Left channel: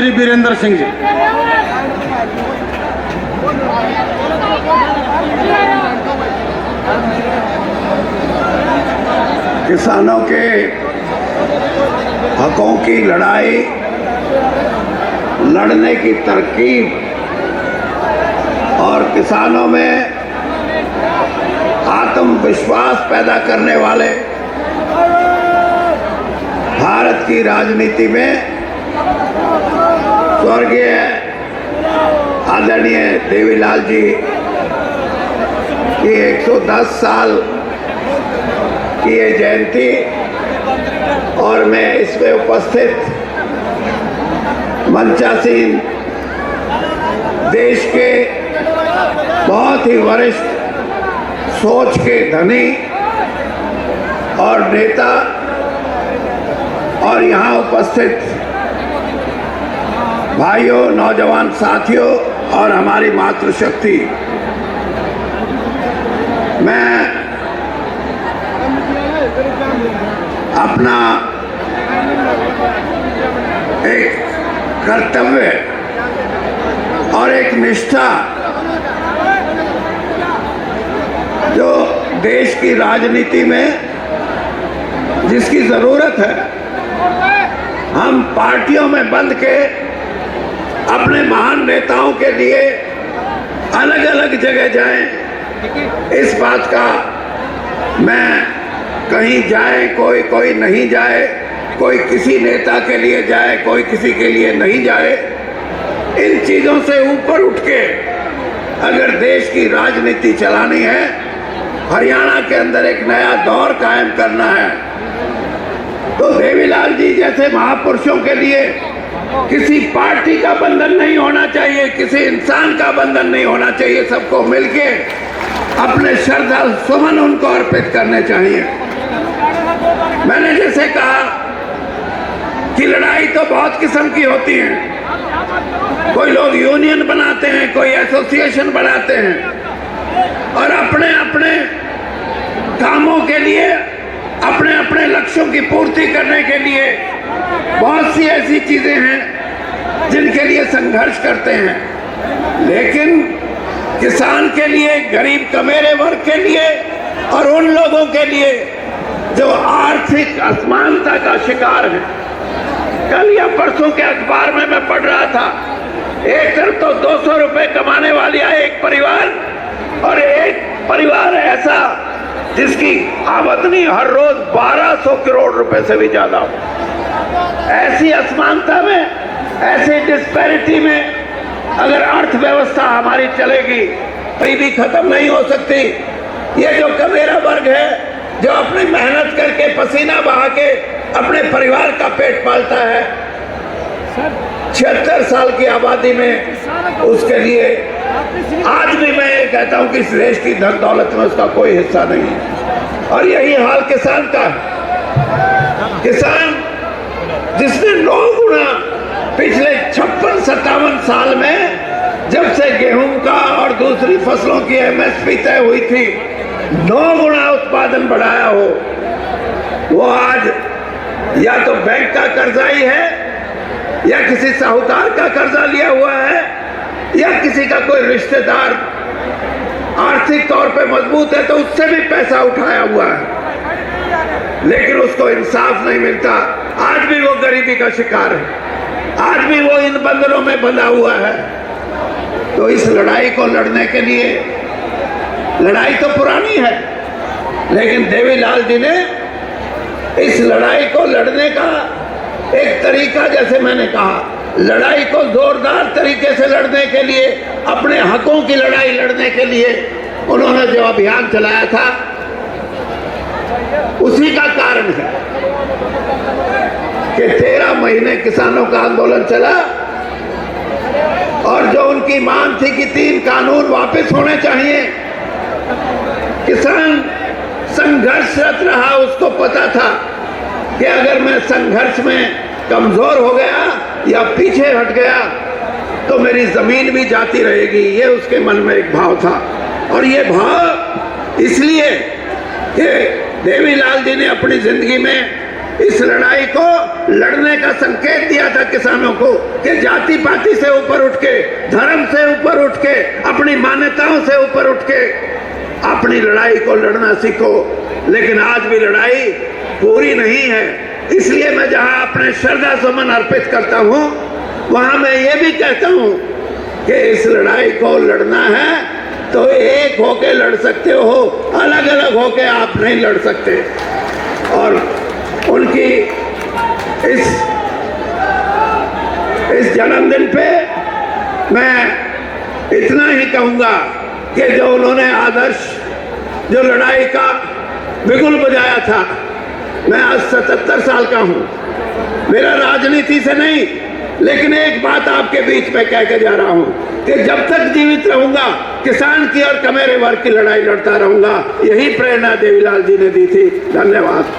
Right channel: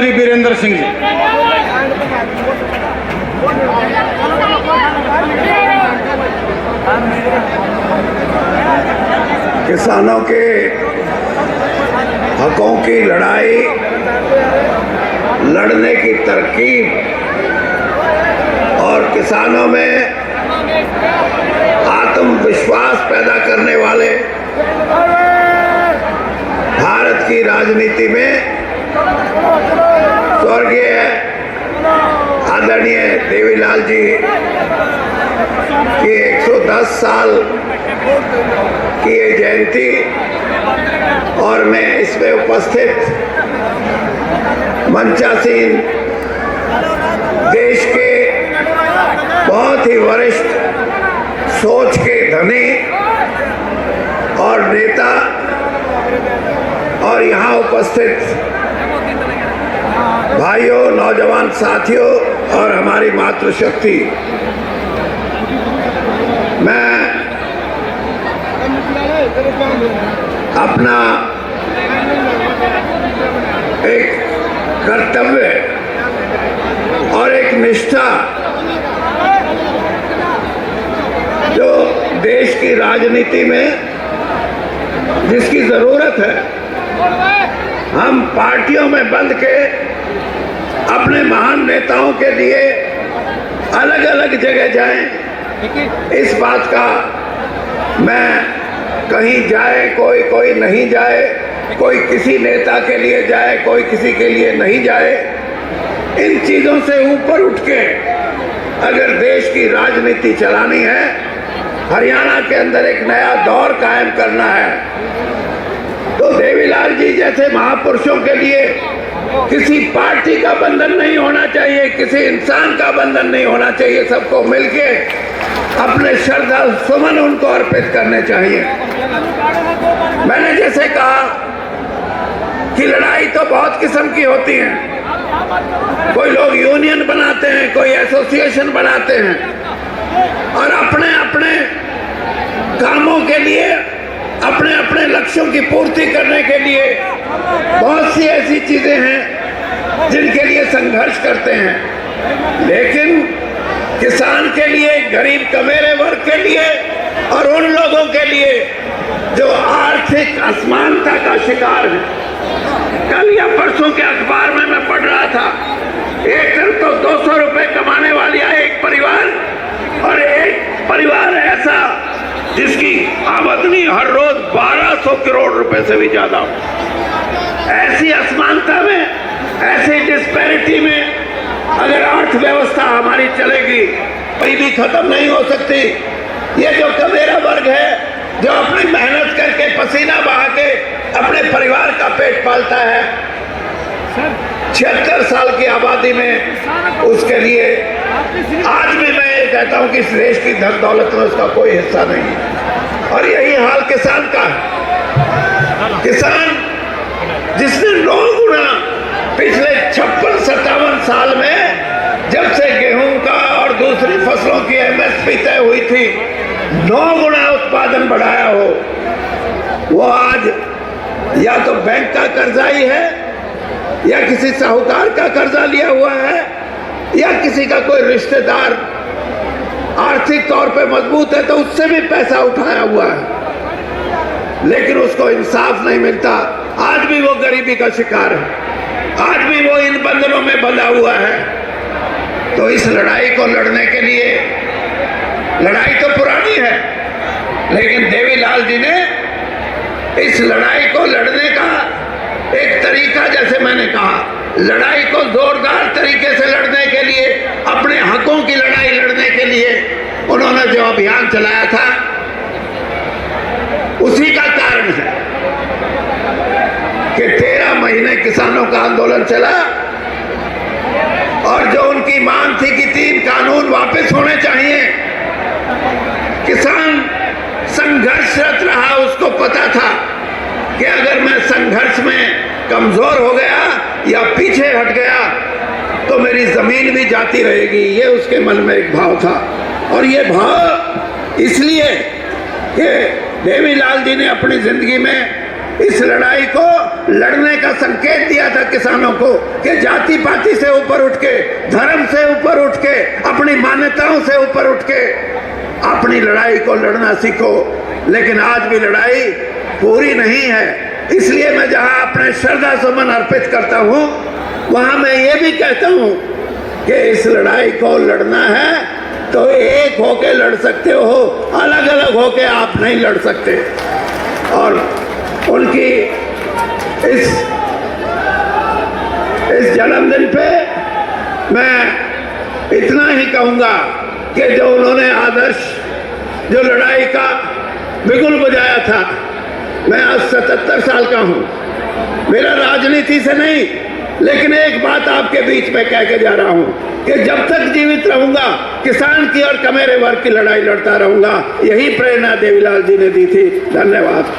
चौधरी बीरेंद्र सिंह जी। किसानों के हकों की लड़ाई लड़ने की तरकीब और किसानों में आत्मविश्वास पैदा करने वाले भारत की राजनीति में स्वर्गीय आदरणीय देवीलाल जी की 110 साल की ये जयंती और मैं इसमें उपस्थित मंचासीन देश के बहुत ही वरिष्ठ सोच के धनी और नेता और यहाँ उपस्थित भाइयों, नौजवान साथियों और हमारी मातृशक्ति, मैं अपना एक कर्तव्य और एक निष्ठा जो देश की राजनीति में जिसकी जरूरत है, हम पार्टियों में बंध के अपने महान नेताओं के लिए अलग अलग जगह जाएं, इस बात का मैं कहीं जाए कोई नहीं जाए, कोई किसी नेता के लिए जाए, कोई किसी के लिए नहीं जाए, इन चीजों से ऊपर उठ के अगर देश की राजनीति चलानी है, हरियाणा के अंदर एक नया दौर कायम करना है, तो देवीलाल जी जैसे महापुरुषों के लिए किसी पार्टी का बंधन नहीं होना चाहिए, किसी इंसान का बंधन नहीं होना चाहिए। सबको मिलके अपने श्रद्धा सुमन उनको अर्पित करने चाहिए। मैंने जैसे कहा कि लड़ाई तो बहुत किस्म की होती है। कोई लोग यूनियन बनाते हैं, कोई एसोसिएशन बनाते हैं और अपने अपने कामों के लिए, अपने अपने लक्ष्यों की पूर्ति करने के लिए बहुत सी ऐसी चीजें हैं जिनके लिए संघर्ष करते हैं। लेकिन किसान के लिए, गरीब कमेरे वर्ग के लिए और उन लोगों के लिए जो आर्थिक असमानता का शिकार है, कल या परसों के अखबार में मैं पढ़ रहा था, एक तरफ तो 200 रुपए कमाने वाली है एक परिवार और एक परिवार ऐसा जिसकी आमदनी हर रोज 1200 करोड़ रुपए से भी ज्यादा है। ऐसी असमानता में, ऐसी डिस्पैरिटी में अगर अर्थव्यवस्था हमारी चलेगी, कोई भी खत्म नहीं हो सकती। ये जो कमेरा वर्ग है, जो अपनी मेहनत करके पसीना बहा के अपने परिवार का पेट पालता है, 76 साल की आबादी में उसके लिए आज भी मैं ये कहता हूं कि इस देश की धन दौलत में उसका कोई हिस्सा नहीं है। और यही हाल किसान का है। किसान जिसने 9 गुना पिछले 56-57 साल में, जब से गेहूं का और दूसरी फसलों की एमएसपी तय हुई थी, 9 गुना उत्पादन बढ़ाया हो, वो आज या तो बैंक का कर्जाई है या किसी साहूकार का कर्जा लिया हुआ है या किसी का कोई रिश्तेदार आर्थिक तौर पे मजबूत है तो उससे भी पैसा उठाया हुआ है, लेकिन उसको इंसाफ नहीं मिलता। आज भी वो गरीबी का शिकार है, आज भी वो इन बंधनों में बंधा हुआ है। तो इस लड़ाई को लड़ने के लिए, लड़ाई तो पुरानी है, लेकिन देवीलाल जी ने इस लड़ाई को लड़ने का एक तरीका, जैसे मैंने कहा, लड़ाई को जोरदार तरीके से लड़ने के लिए, अपने हकों की लड़ाई लड़ने के लिए उन्होंने जो अभियान चलाया था, उसी का कारण है कि 13 महीने किसानों का आंदोलन चला और जो उनकी मांग थी कि 3 कानून वापस होने चाहिए, किसान संघर्षरत रहा। उसको पता था कि अगर मैं संघर्ष में कमजोर हो गया या पीछे हट गया तो मेरी जमीन भी जाती रहेगी, ये उसके मन में एक भाव था। और ये भाव इसलिए कि देवीलाल जी ने अपनी जिंदगी में इस लड़ाई को लड़ने का संकेत दिया था किसानों को कि जाति पाति से ऊपर उठ के, धर्म से ऊपर उठ के, अपनी मान्यताओं से ऊपर उठ के अपनी लड़ाई को लड़ना सीखो। लेकिन आज भी लड़ाई पूरी नहीं है। इसलिए मैं जहां अपने श्रद्धा सुमन अर्पित करता हूं, वहां मैं ये भी कहता हूं कि इस लड़ाई को लड़ना है तो एक होके लड़ सकते हो, अलग अलग होके आप नहीं लड़ सकते। और उनकी इस जन्मदिन पे मैं इतना ही कहूंगा कि जो उन्होंने आदर्श, जो लड़ाई का बिगुल बजाया था, मैं आज 77 साल का हूं, मेरा राजनीति से नहीं, लेकिन एक बात आपके बीच में कह के जा रहा हूं कि जब तक जीवित रहूंगा किसान की और कमेरे वर्ग की लड़ाई लड़ता रहूंगा। यही प्रेरणा देवीलाल जी ने दी थी। धन्यवाद।